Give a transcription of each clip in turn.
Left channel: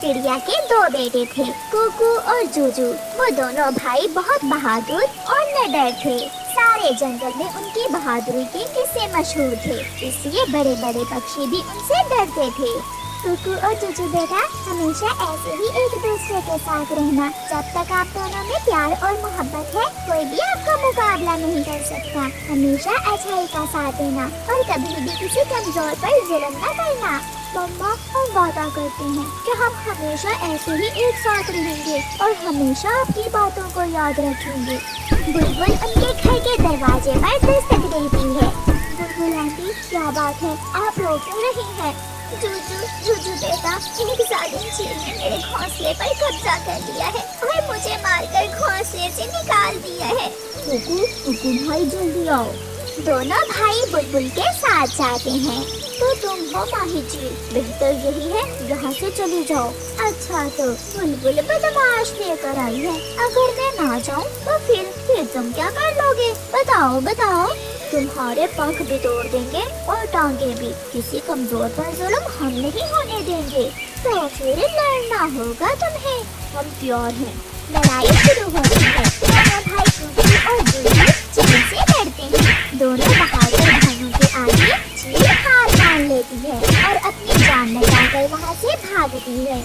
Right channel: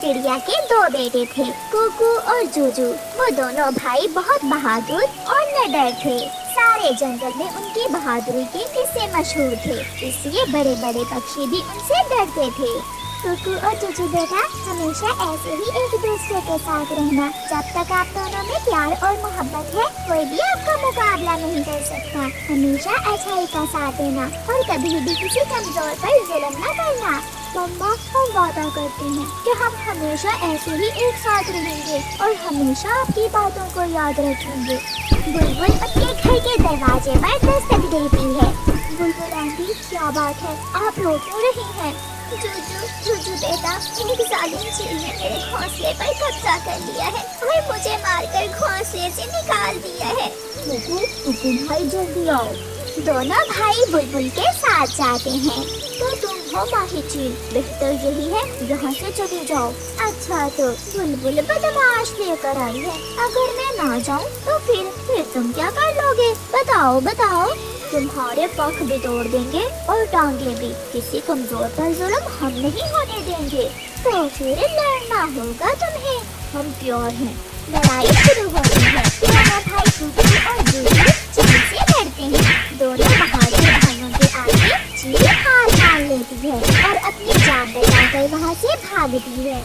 चिड़िया के दो बेटे थे, कुकू और जूजू। वो दोनों भाई बहुत बहादुर और निडर थे। सारे जंगल में उनकी बहादुरी के किस्से मशहूर थे, इसलिए बड़े बड़े पक्षी भी उनसे डरते थे। कुकू और जूजू बेटा, हमेशा ऐसे ही एक दूसरे के साथ रहना। जब तक आप दोनों में प्यार और मोहब्बत है, कोई भी आपका मुकाबला नहीं कर सकता। हमेशा अच्छाई का साथ देना और कभी भी किसी कमजोर पर जुल्म न करना। मम्मा, हम वादा करते हैं कि हम हमेशा ऐसे ही एक साथ रहेंगे और हमेशा आपकी बातों को याद रखेंगे। बुलबुल उनके घर के दरवाजे पर दस्तक देती है। बुलबुल आंटी, क्या बात है, आप रो क्यों रही हैं? जूजू बेटा, एक जालिम चील ने मेरे घोंसले पर कब्जा कर लिया है और मुझे मारकर घोंसले से निकाल दिया है। कुकू भाई, जल्दी आओ। दोनों भाई बुलबुल के साथ जाते हैं। तो तुम हो माही चील, बेहतर यही है यहाँ से चले जाओ। अच्छा, तो बुलबुल बदमाश लेकर आई है। अगर मैं ना जाऊँ तो फिर तुम क्या कर लोगे? बताओ बताओ। तुम्हारे पंख भी तोड़ देंगे और टांगे भी। किसी कमजोर पर जुल्म हम नहीं होने देंगे। तो फिर लड़ना होगा तुम्हें। हम प्यार हैं। लड़ाई शुरू होती है। दोनों भाई कुकू और जूजू चील से लड़ते हैं। दोनों बहादुर भाइयों के आगे चील हार मान लेती है और अपनी जान बचाकर वहाँ से भागती है।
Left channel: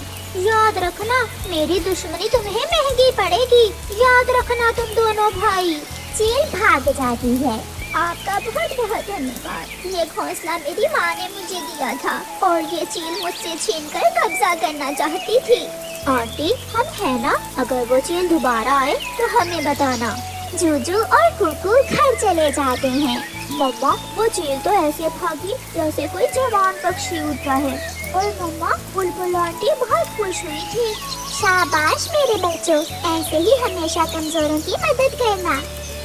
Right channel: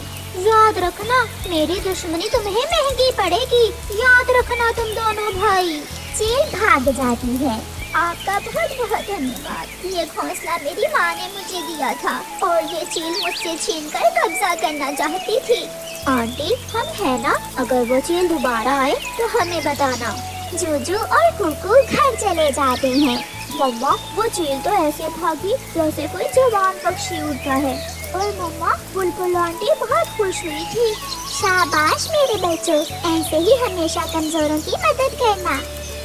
याद रखना, मेरी दुश्मनी तुम्हें महंगी पड़ेगी। याद रखना तुम दोनों भाई। चील भाग जाती है। आपका बहुत बहुत धन्यवाद। ये घोंसला मेरी माँ ने मुझे दिया था और ये चील मुझसे छीनकर कब्जा करना चाहती थी। आंटी, हम है ना, अगर वो चील दोबारा आए तो हमें बताना। जूजू और कुकू घर चले जाते हैं। मम्मा, वो चील तो ऐसे भागी जैसे कोई जवान पक्षी उठा है। और मम्मा, बुलबुल आंटी बहुत खुश हुई थी। शाबाश मेरे बच्चों, ऐसे ही हमेशा कमजोरों की मदद करना।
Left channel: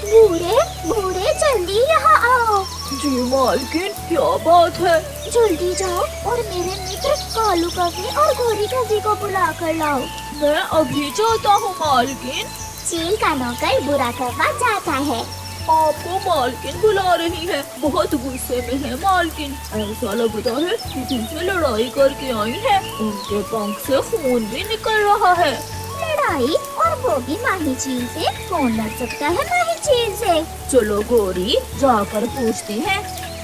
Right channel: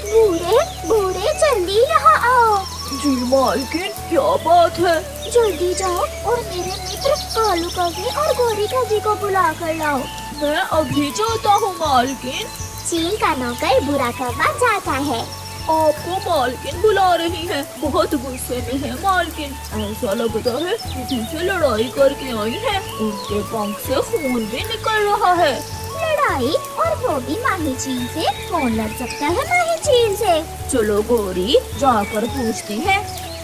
बूढ़े बूढ़े, जल्दी यहाँ आओ। जी मालकिन, क्या बात है? जल्दी जाओ और मेरे मित्र कालू कौवी और गोरी कौवी को बुला कर लाओ। मैं अभी जाता हूँ मालकिन। चील का नौकर बुरा कौवा जाता है। आपको मालकिन बुला रही है। बहुत गुस्से में है मालकिन। ऐसा लगता है कि मुझे लड़ाई करके आई है। उनके पंख से खून भी निकल रहा है। लड़ाई? और वो भी माही चील से? कौन लड़ सकता है माही चील से? चलो गोरी, जाकर पूछते हैं।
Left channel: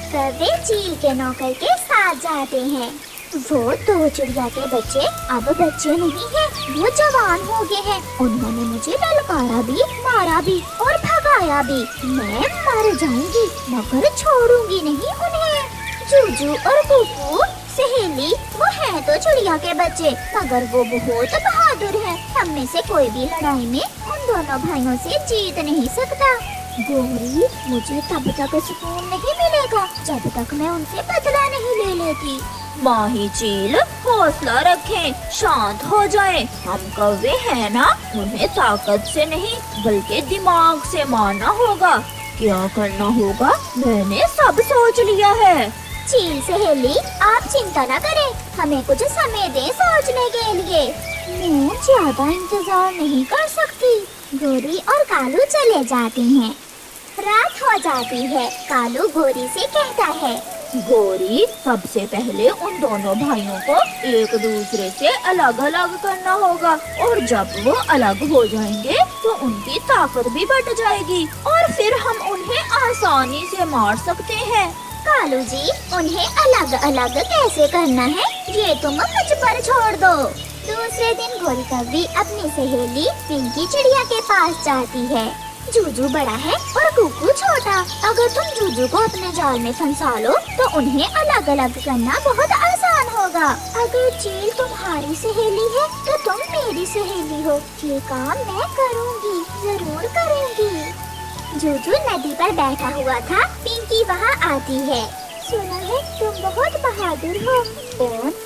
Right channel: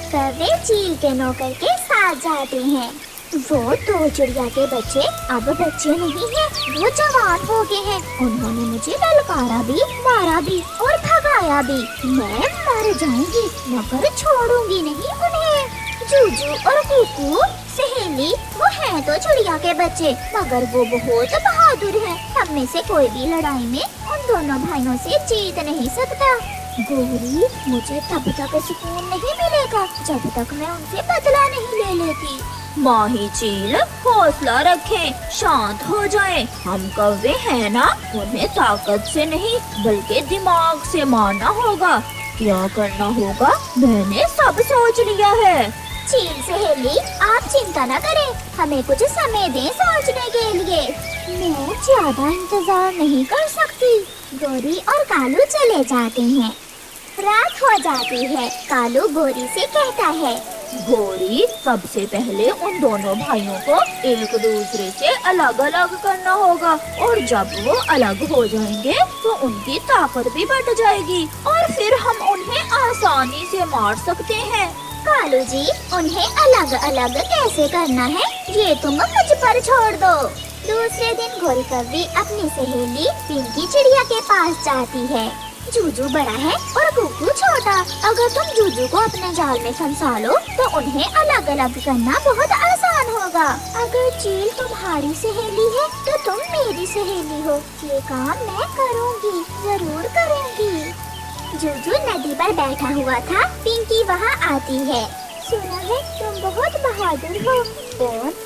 वे चील के नौकर के साथ जाते हैं। वो दो चिड़िया के बच्चे अब बच्चे नहीं हैं, वो जवान हो गए हैं। उन्होंने मुझे ललकारा भी, मारा भी और भगाया भी। मैं मर जाऊंगी मगर छोड़ूंगी नहीं उन्हें। जूजू और कुकू सहेली, वो है तो चिड़िया के बच्चे, मगर वो बहुत बहादुर हैं। हम में से कोई भी लड़ाई में उन दोनों भाइयों से जीत नहीं सकता। गोरी, मुझे तब तक सुकून नहीं मिलेगा जब तक मैं उनसे बदला नहीं ले लेती। माही चील, हौसला रखें, शांत हो जाए। हम कौवे हैं ना, उन्हें ताकत से नहीं बल्कि दिमाग से मारना होगा। क्या करना होगा मैंने सब सोच लिया है। चील सहेली, आप चिंता न करें, हमें कुछ समय दें सोचने के लिए। मैं ज्यादा इंतजार नहीं कर सकती। गोरी और कालू चले जाते हैं। रात हो जाती है। कालू गोरी से कहता है, गोरी, सबसे पहले उन दोनों भाइयों को एक दूसरे से अलग अलग करना होगा और जब वो अलग हो जाएंगे तो उनकी ताकत भी बढ़ जाएगी और फिर हम उन्हें आसानी से मार सकते हैं। कालू जी, उन्हें अलग अलग कैसे करना है ये तुम मुझ पर छोड़ दो। दूसरे दिन गोरी कौवी अपनी सहेली पिंकी चिड़िया के पास जाती है। जूजू बड़ा है और कुकू छोटा। अगर तुम जूजू को अपने जाल में फंसा लो तो उन्हें अलग अलग करना बहुत आसान होगा। अगर चील तुम्हारी सहेली है तो तुम मेरी सहेली हो। ये काम मैं करूँगी, जरूर करूँगी। जूजू नदी पर बैठा हुआ था। पिंकी वहाँ आती है। सुना है तुम बहुत बहादुर हो।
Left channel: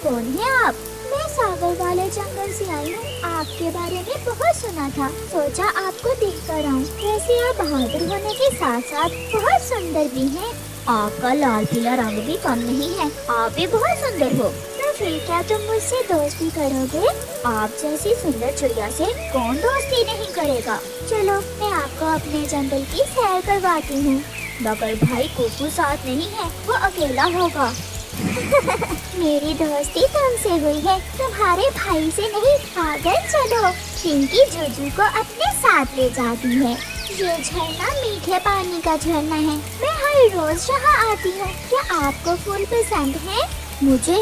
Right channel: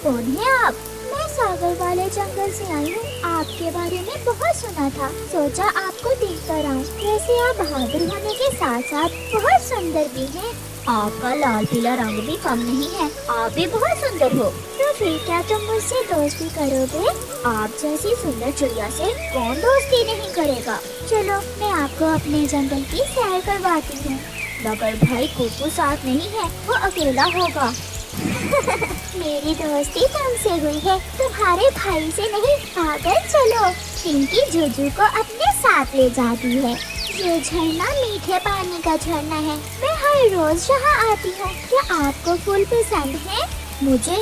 कौन है आप? मैं सागर वाले जंगल से आई हूँ। आपके बारे में बहुत सुना था, सोचा आपको देख कर आऊँ। वैसे आप बहादुर होने के साथ साथ बहुत सुंदर भी हैं। आपका लाल पीला रंग भी कम नहीं है, आप भी बहुत सुंदर हो। तो फिर क्या तुम मुझसे दोस्ती करोगे? आप जैसी सुंदर चिड़िया से कौन दोस्ती नहीं करेगा। चलो, मैं आपको अपने जंगल की सैर करवाती हूँ। मगर भाई कुकू साथ नहीं है, वो अकेला होगा। मेरी दोस्ती तुमसे हुई है, तुम्हारे भाई से नहीं। पागल चलो। पिंकी जूजू को अपने साथ ले जाती है। ये झरना मीठे पानी का झरना है। मैं हर रोज यहाँ आती हूँ। क्या आपको फूल पसंद है? मुझे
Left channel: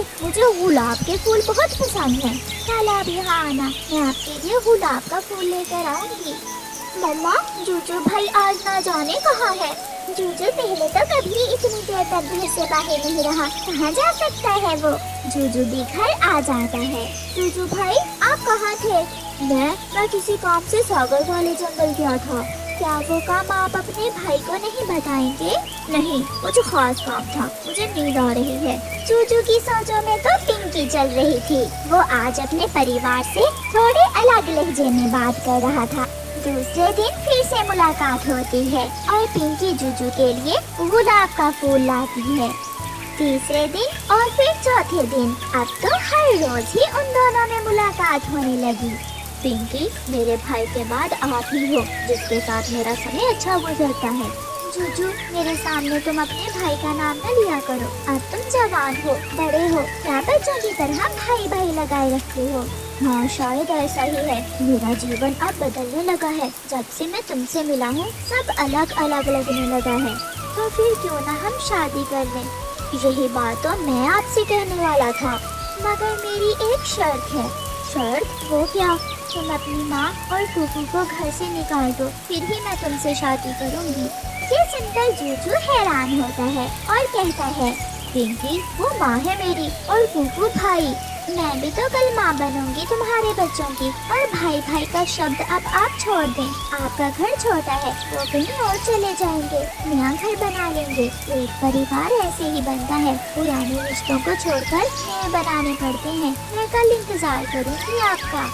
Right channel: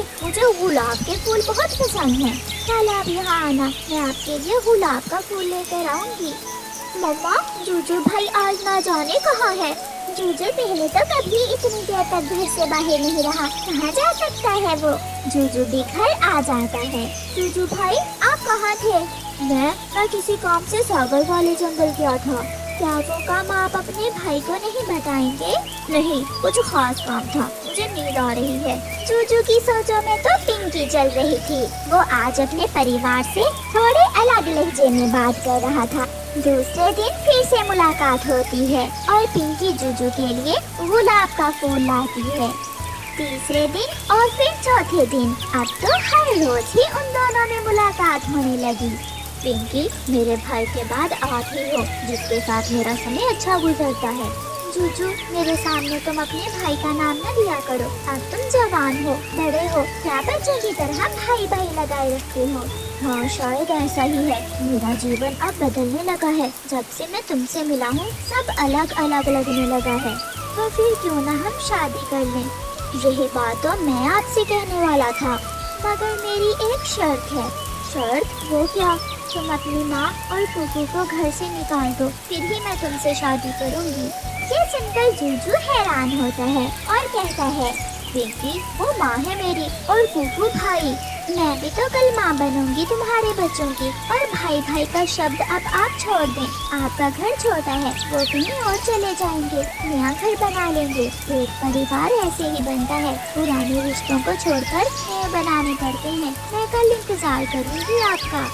गुलाब के फूल बहुत पसंद है। कल आप यहाँ आना, मैं आपके लिए गुलाब का फूल लेकर आऊंगी। मम्मा, जूजू भाई आज ना जाने कहाँ है। जूजू पहले तो कभी इतनी देर तक घर से बाहर नहीं रहा, कहाँ जा सकता है वो। जूजू भी घर आ जाता है। जूजू भाई, आप कहाँ थे? मैं किसी काम से सागर वाले जंगल गया था। क्या वो काम आप अपने भाई को नहीं बताएंगे? नहीं, कुछ खास काम था, मुझे नींद आ रही है। जूजू की सोचों में तो पिंकी चल रही थी। वो आज अपने परिवार से थोड़े अलग लहजे में बात कर रहा था। दूसरे दिन फिर से मुलाकात होती है और पिंकी जूजू के लिए गुलाब का फूल लाती है। तीसरे दिन और फिर चौथे दिन। अब तो हर रोज ही उन दोनों में मुलाकात होने लगी। पिंकी, मेरे भाई के बाद आप ही हो जिसके साथ मेरा समय अच्छा गुजरता है। जूजू, मेरे सामने तुम अपने भाई का नाम न लिया करो। अब तुम जवान हो, बड़े हो, क्या बच्चों की तरह भाई भाई लगाए रखते हो। हाँ, शायद ऐसा ही है। मेरा जीवन अब बदलने लगा है। जब से मैं तुमसे मिला हूँ सब अलग अलग लगने लगा है। तो फिर क्यों ना हम शादी कर लें? यही बात तो मैं आपसे कहने वाला था, मगर मेरी एक शर्त है। शर्त? वो क्या? तुम अपनी माँ और फूफी को घर से निकाल दो, फिर ही मैं तुमसे शादी करूँगी। ये सुनकर जूजू हैरान होता है और कहता है, पिंकी, वो माँ है मेरी और फूफू भाई। मैं भी तो कल माँ बनूंगी तुम्हारे बच्चों की। और भाई भाई का शब्द अब आप छोड़ दें। आपका घर छोटा है, वो कहीं और चले जाएंगे, नया घर बना लेंगे। एक परिवार ऐसे ही बनता है, पुराने रिश्तों को छोड़कर नए बनाने पड़ते हैं। मैं कल इंतजार करूंगी आपका।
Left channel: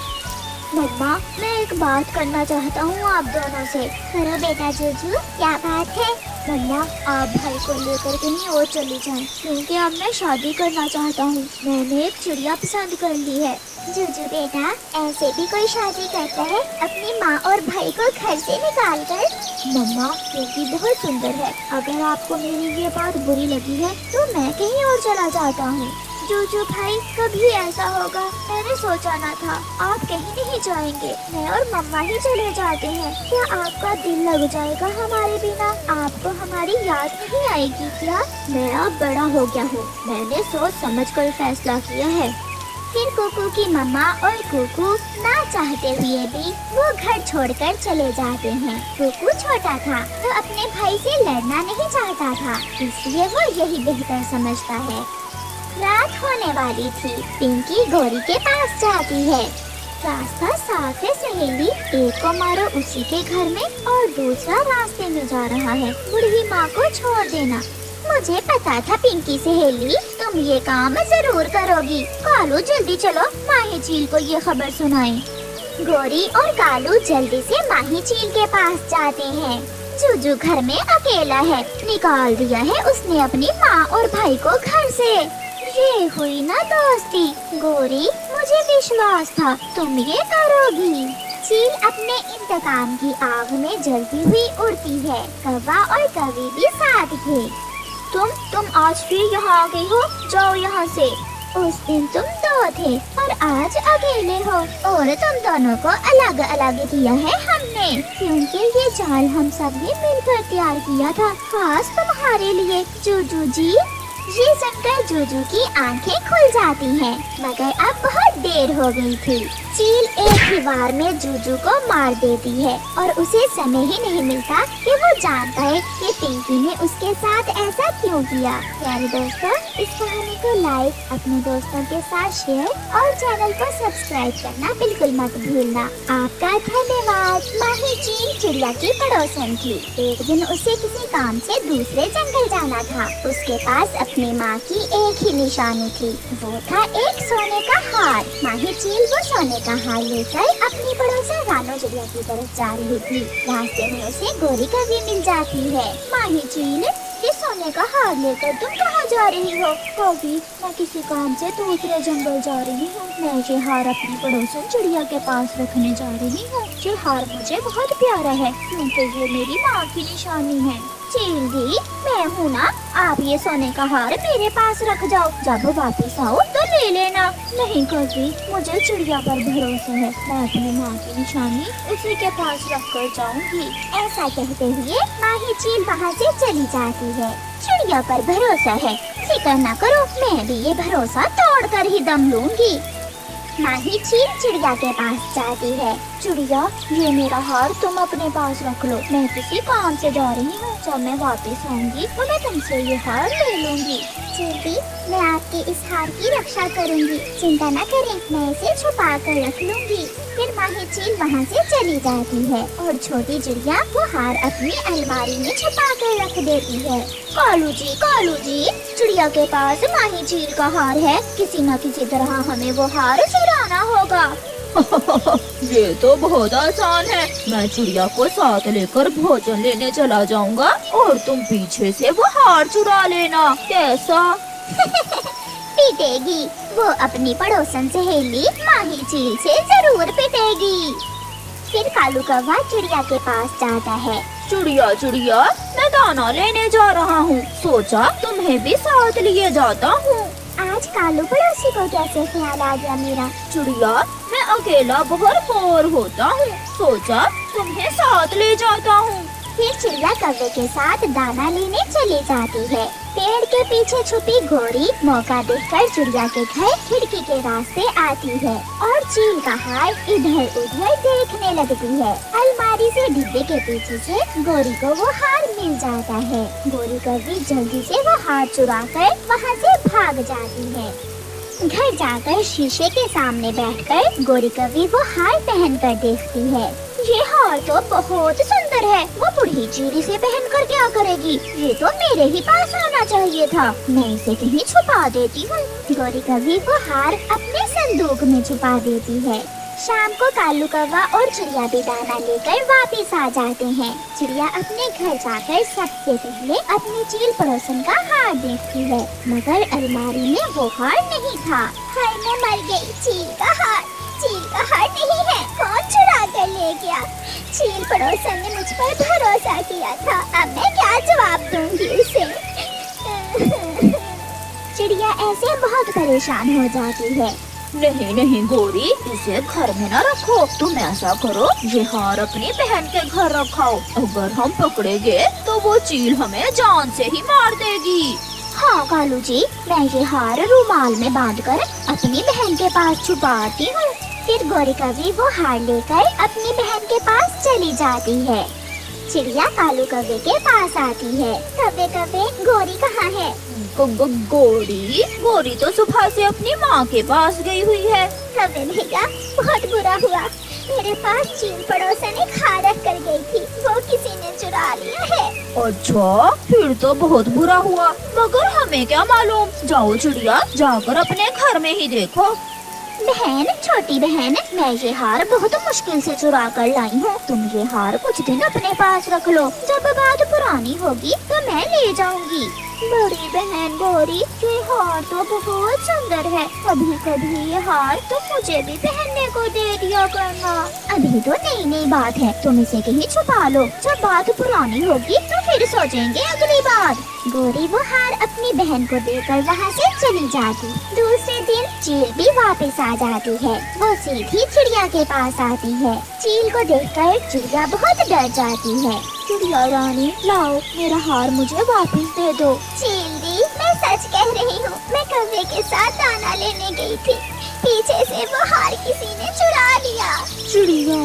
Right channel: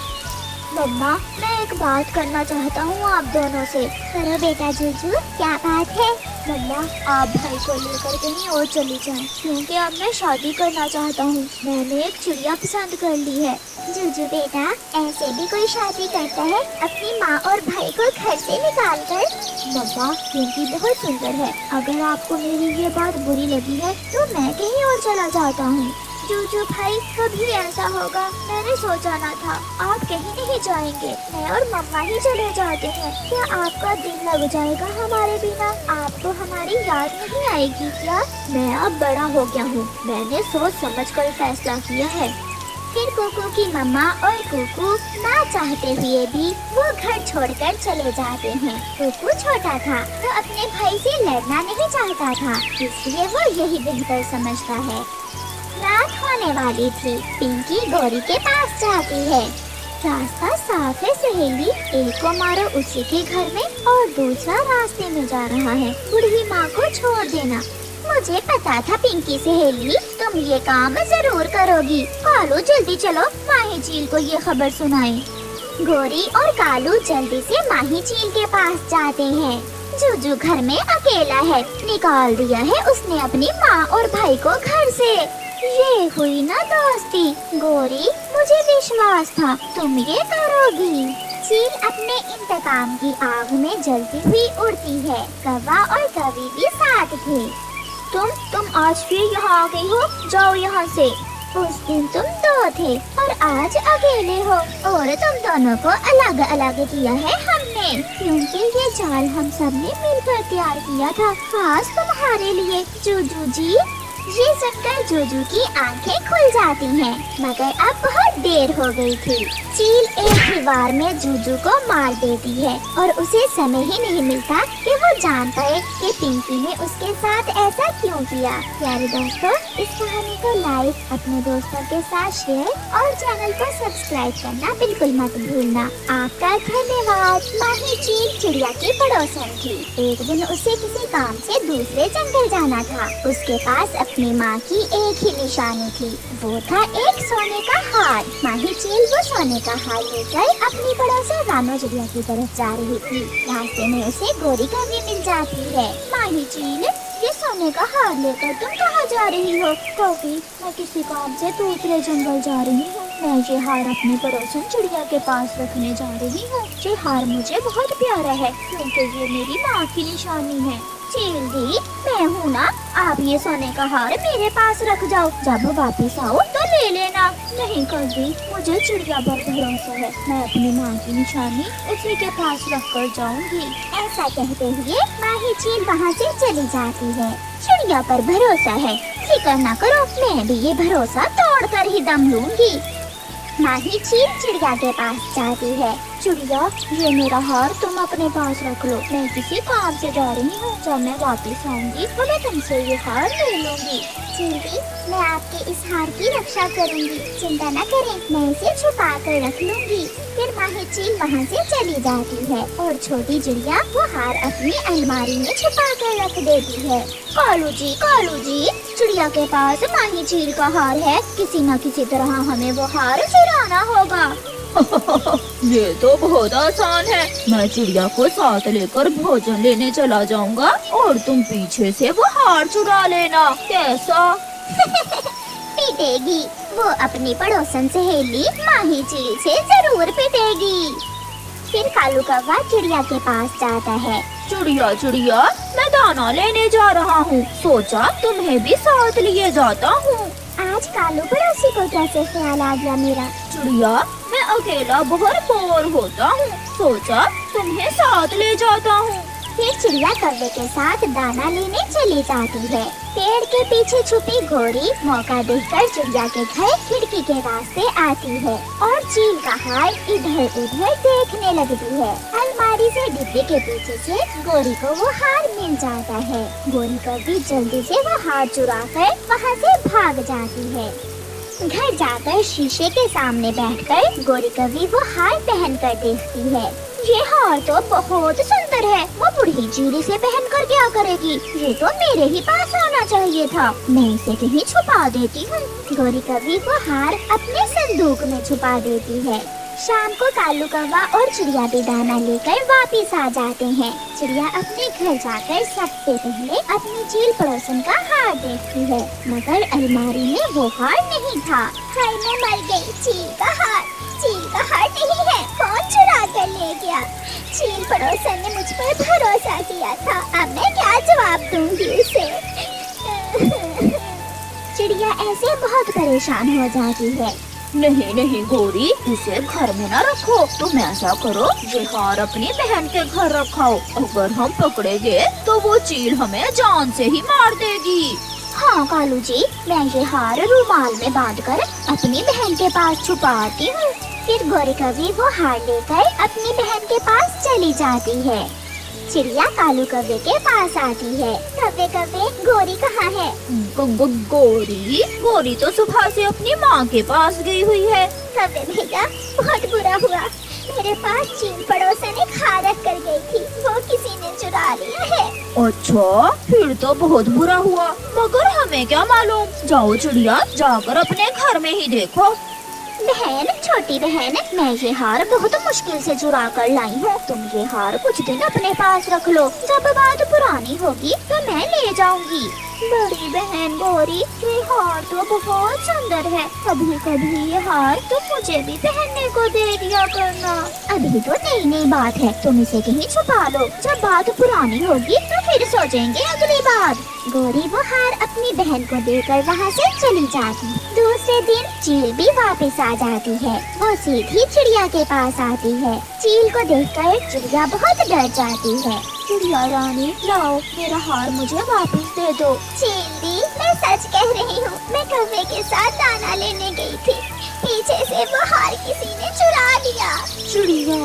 मम्मा, मैं एक बात करना चाहता हूँ आप दोनों से। करो बेटा जूजू, क्या बात है? मम्मा, आप भाई को लेकर कहीं और चली जाएं, क्योंकि अब मैं शादी करना चाहता हूँ। मैंने एक चिड़िया पसंद कर ली है। जूजू बेटा, ऐसे भी कोई शादी करता है अपनी माँ और भाई को घर से निकाल कर? मम्मा, क्योंकि बहुत सुंदर है। अगर आपको मेरी ये बात बुरी लगी है तो मैं कहीं और चला जाता हूँ। जूजू भाई, कभी ऐसा होगा मैंने सोचा ना था। आप कहीं नहीं जाएंगे, मैं और मम्मा ही चले जाते हैं। क्या आपका दिल लग जाएगा हमारे बिना? आपको हमारी याद नहीं आएगी क्या? मैं अब बड़ा हो गया हूँ, मैंने सोच समझ कर फैसला किया है। फिर कुकू की मम्मा और कुकू ना चाहते हुए भी वो घर छोड़कर चले जाते हैं। कुकू छोटा था तो अपने भाई से लड़ना नहीं चाहता था, इसलिए वो यही बेहतर समझता है। रात होने वाली थी। पिंकी गौरी के पास जाती है। रास्ता साफ है सहेली, एक को मारो उसी के घर में और दूसरा रास्ते में जा रहा है। बूढ़ी माँ को छोड़ देना। मुझे पता था पिंकी सहेली, तुम ये काम जरूर करोगी। कालू, जल्दी चलो, माही झील को ये खबर सुनाएं। गौरी और कालू जल्दी से माही झील के पास जाते हैं। जूजू घर में अकेला है, निकाल दिया है उसने अपनी माँ और भाई को घर से। ये हुई ना दोस्ती। गौरी, मुझे विश्वास था तुम ये करोगी। चील अपने इंतकाम की आग में जलती हुई उड़ती है। कौवा और कवि भी साथ थे। तुम आज फिर यहाँ आ गई हो, जाओ यहाँ से। उस दिन तुम दो थे और आज अकेले हो, और तुम दोनों को अलग अलग किया है हमने, क्योंकि ये जाल हम सब ने मिलकर तैयार किया था, खास तुम्हारे लिए जूजू जी। ये सुनकर जूजू की आंखें खुल जाती हैं, मगर अब बहुत देर हो गई थी। चील एक दीवार में जूजू को मार देती है और उसे समय ही नहीं मिलता कि वो जान पाए कि पिंकी ने उसके साथ ऐसा क्यों किया। प्यारे दोस्तों, इस कहानी को लाइक, अपने दोस्तों के साथ शेयर और चैनल को सब्सक्राइब करना बिल्कुल मत भूलना। आपका धन्यवाद। माही चील चिड़िया की पड़ोसन थी। एक दिन उसे किसी काम से दूसरे जंगल जाना था। उसके पास अपनी माँ की एक ही निशानी थी, वो था एक सोने का हार। माही चील वो सोने का हार लेकर अपनी पड़ोसी रानो चिड़िया की तरफ जा रही थी। रास्ते में उसे गौरी का भी मिल जाती है। माही चील, ये सोने का हार लेकर तुम कहाँ जा रही हो? तो मैं किसी काम से दूसरे जंगल जा रही हूँ। मैं ये हार अपनी पड़ोसी चिड़िया के पास रखने जा रही हूँ। ये हार मुझे बहुत प्यारा है, क्योंकि ये मेरी माँ की निशानी है। चील दी, मैं हूँ ना, आप ये सोने का हार मेरे पास रख जाओ, जब वापस आओ तो ले लेना। नहीं कभी, मुझे चिड़िया पर भरोसा है, मैं अपनी माँ की निशानी उसी के पास रख कर जाऊंगी। ऐसा कहते हुए माही चील वहाँ से चली जाती है। चिड़िया पर भरोसा है, फिक्र न करो, मैं भी ये भरोसा तोड़ कर ही दम लूंगी। माही चील चिड़िया के पास जाती है। चिड़िया, ये मेरा हार तुम अपने पास रख लो, मैं किसी काम से जा रही हूँ, जब मैं वापस आऊंगी तो मैं तुमसे ये हार ले लूंगी। चींटी, मैं आपके इस हार की रक्षा करूंगी, चिंता न करें, मैं इसे छुपा कर रख लूंगी। फिर माही चील वहाँ से चली जाती है और छोटी चिड़िया वो हार अपनी अलमारी में छुपा कर रख देती है। कालू जी, चिड़िया के पास माही चील का हार है, किसी न किसी तरह हमें वो हार चुराना होगा। ये तो बहुत आसान है, मैं चिड़िया को साथ लेकर भोजन लेने चला जाऊंगा और तुम पीछे से वो हार चुरा लेना, कैसा? पिटेगी, वो अपनी पड़ोसन सहेली माही चील से जरूर पिटेगी। फिर कालू कौवा चिड़िया के पास जाता है। चिड़िया, मैं दाना लेने जा रहा हूँ, सोचा तुम्हें भी साथ लिए जाता हूँ। आज कालू पड़ोसी को कैसे ख्याल आ गया मेरा? चिड़िया, मैं अकेला बहुत बोर होता हूँ, सोचा तुम्हें साथ ले जाता हूँ। फिर चिड़िया कौवे के साथ दाना लेने चली जाती है। पेड़ के पीछे छुपी घोड़ी मौका देखकर चिड़िया के घर खिड़की के रास्ते आती है और चील का हार इधर उधर देखने लगती है। अलमारी से डिब्बे के पीछे से गोरी को वो हार मिल जाता है। गोरी कौवी जल्दी से वो हार चुरा कर वहाँ से भाग जाती है। घर जाकर शीशे के सामने बैठकर गोरी कौवी वो हार पहन कर देखती है। ये हार तो बहुत सुंदर है, वो बूढ़ी चील इसे पहन कर क्या करेगी? ये तो मेरे ही पास रहना चाहिए था, मैं इसे कहीं छुपा देती हूँ। गोरी कौवी वो हार अपने संदूक में छुपा देती है। शाम को कालू कौवा और चिड़िया भी दाना लेकर वापस आ जाते हैं। चिड़िया अपने घर जाकर सबसे पहले अपनी चील पड़ोसन का हार देखती है, मगर अलमारी में वो हार नहीं था। हाय, मैं मर गई, चील का हार नहीं है, कौन चुरा कर ले गया? चील पड़ोसन ने मुझ पर भरोसा किया था, अब मैं क्या जवाब दूंगी उसे? चिड़िया ऐसे बहुत परेशान हो जाती है। नहीं गोरी, इसे घर में न रखो, तुम ऐसा करो, ये हार अपनी बहन के घर रखाओ, अगर हम पकड़े गए तो वो चील हमें जान से ही मार देगी। हाँ कालू जी, मैं ये हार रुमाल में बांधकर अपनी बहन के पास छुपाती हूँ। फिर गोरी कौवी वो हार लेकर अपनी बहन के पास चली जाती है। चिड़िया कालू कौवे के पास आती है। कौवे, गोरी कहाँ है? गोरी तो सुबह से अपनी माँ के पास गई हुई है। कौवे भैया, बहुत बुरा हुआ, मेरे पास चील पड़ोसन ने खा रख कर गई थी, वो किसी ने चुरा लिया है। अच्छा, फिर तो बहुत बुरा हुआ, मगर हमें क्या मालूम। जाओ चिड़िया, जाकर अपने घर में ही देखो। बहन, छोटी बहन, मैं ये हार बहुत मुश्किल से चुरा कर लाई हूँ, तुम ये हार कुछ दिन अपने पास रख लो, जब बात पुरानी होगी तो मैं ले जाऊंगी। बड़ी बहन गोरी, ये हार तो बहुत सुंदर है, कभी कभी ये हार तुम मुझे भी पहनने को दे दिया करना। अभी तो नई बात है, तुम इसे कहीं छुपा लो, जब बात पुरानी होगी तो फिर सोचेंगे अगली बार। गोरी वो हार अपनी बहन को देकर वहाँ से चली जाती। दूसरे दिन चील भी वापस आ जाती है। वो सीधी चिड़िया के पास आती है। चील को देखकर चिड़िया बहुत डर जाती है। चिड़िया रानी, लाओ मेरा हार मुझे वापस दे दो। चील दी, मैं सच कह रही हूँ, मैं कौवे के साथ दाना लेने गई थी, पीछे से वो हार किसी ने चुरा लिया। चिड़िया,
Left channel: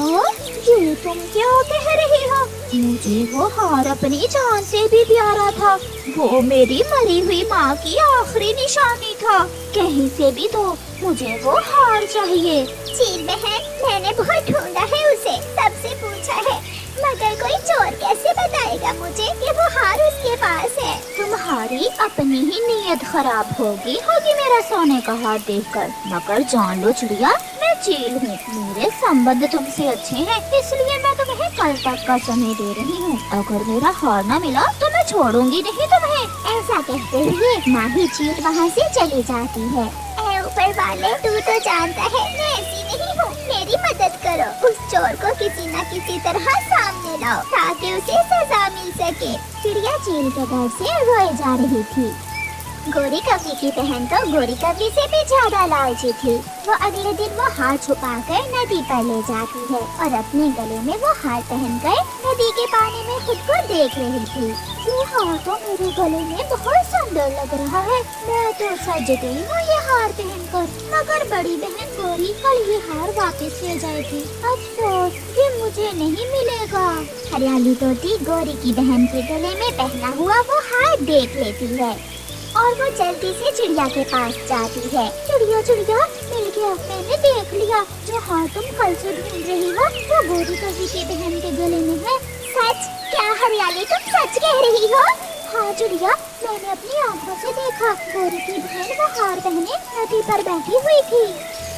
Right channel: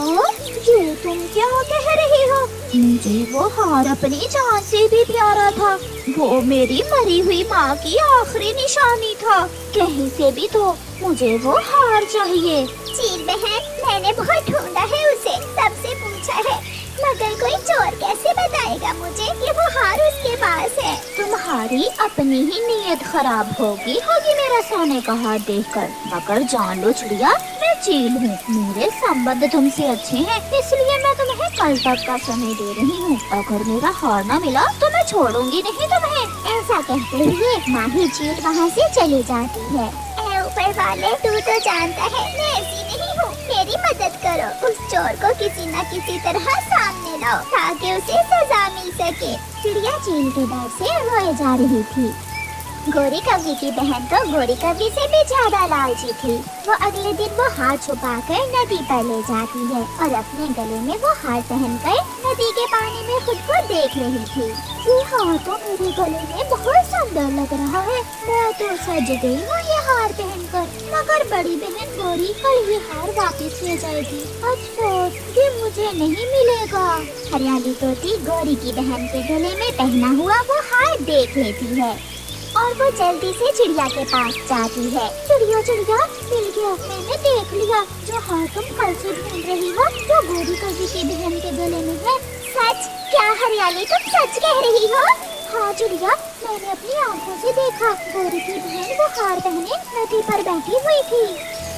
ये तुम क्या कह रही हो? मुझे वो हार अपनी जान से भी प्यारा था, वो मेरी मरी हुई माँ की आखिरी निशानी था, कहीं से भी तो मुझे वो हार चाहिए। चील बहन, मैंने बहुत ढूंढा है उसे, सबसे पूछा है, मगर कोई चोर कैसे बताएगा मुझे कि वो हार उसके पास है? तुम्हारी अपनी ही नीयत खराब होगी मेरा सोने का हार देखकर, मगर जान लो चिड़िया, मैं चील हूँ, मेरे संबंध तुमसे अच्छे हैं, इसलिए मैं तुम्हें कल तक का समय दे रही हूँ। अगर मेरा हार न मिला तो मैं छोड़ूंगी नहीं तुम्हें। ऐसा कहते हुए माही चील वहाँ से चली जाती है। ऊपर वाले, तू तो जानता है मैं ऐसी नहीं हूँ, मेरी मदद कर। करो, उस चोर को किसी न किसी तरह सामने लाओ ताकि उसे सजा मिल सके। चिड़िया चील के डर से रोए जा रही थी। गोरी कौवी की बहन तो गोरी कौवी से भी ज्यादा लालची थी। वो अगले दिन वो हार छुपाकर नदी पर ले जाती है और अपने गले में वो हार पहनकर नदी के पानी में खुद को देख रही थी। ये हार तो मेरे गले में बहुत सुंदर लग रहा है, मैं तो सज गई हूँ ये हार पहनकर। मगर बड़ी बहन गोरी कल ये हार वापस ले जाएगी। अफसोस ये मुझे नहीं मिलेगा। हरियाली तोती गोरी की बहन के गले में पहना हुआ वो हार देख लेती है और वो जल्दी से चिड़िया के पास जाती है। चिड़िया चिड़िया, मिल गया, मैंने देख लिया, जो हार तुम कल से ढूंढ रही हो वो गोरी कौवी की बहन के गले में है। सच? क्या हरियाली तुम सच कह रही हो? हाँ चिड़िया, मैंने अपनी आंखों से देखा, गोरी की बहन वो हार पहने नदी पर बैठी हुई थी।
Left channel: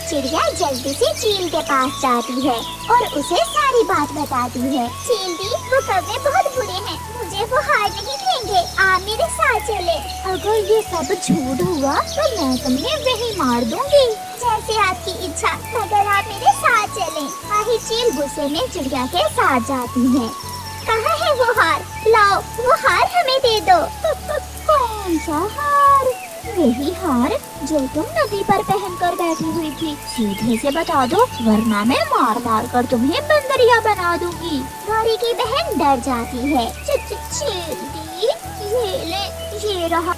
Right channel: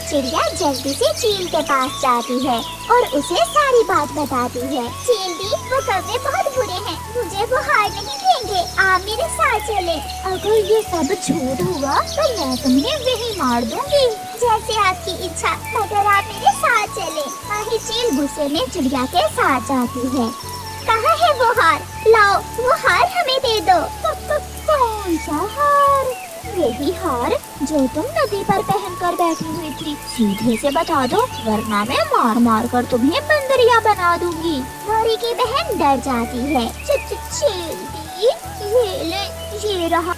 चिड़िया जल्दी से चील के पास जाती है और उसे सारी बात बताती है। चील दी, वो कौवे बहुत बुरे हैं, मुझे वो हार नहीं देंगे, आप मेरे साथ चले। अगर ये सब झूठ हुआ तो मैं तुम्हें वही मार दूंगी। जैसे आपकी इच्छा, मगर आप मेरे साथ चले। वही चील गुस्से में चिड़िया के साथ जाती है। कहाँ है वो हार? लाओ, वो हार हमें दे दो। कौन सा हार? यही हार जो तुम नदी पर पहन कर बैठी हुई थी। सीधे से बता दो, वरना मैं मार मार कर तुम्हें बंदरिया बना दूंगी। गोरी की बहन डर जाती है। चील दी, ये ले, ये रहा।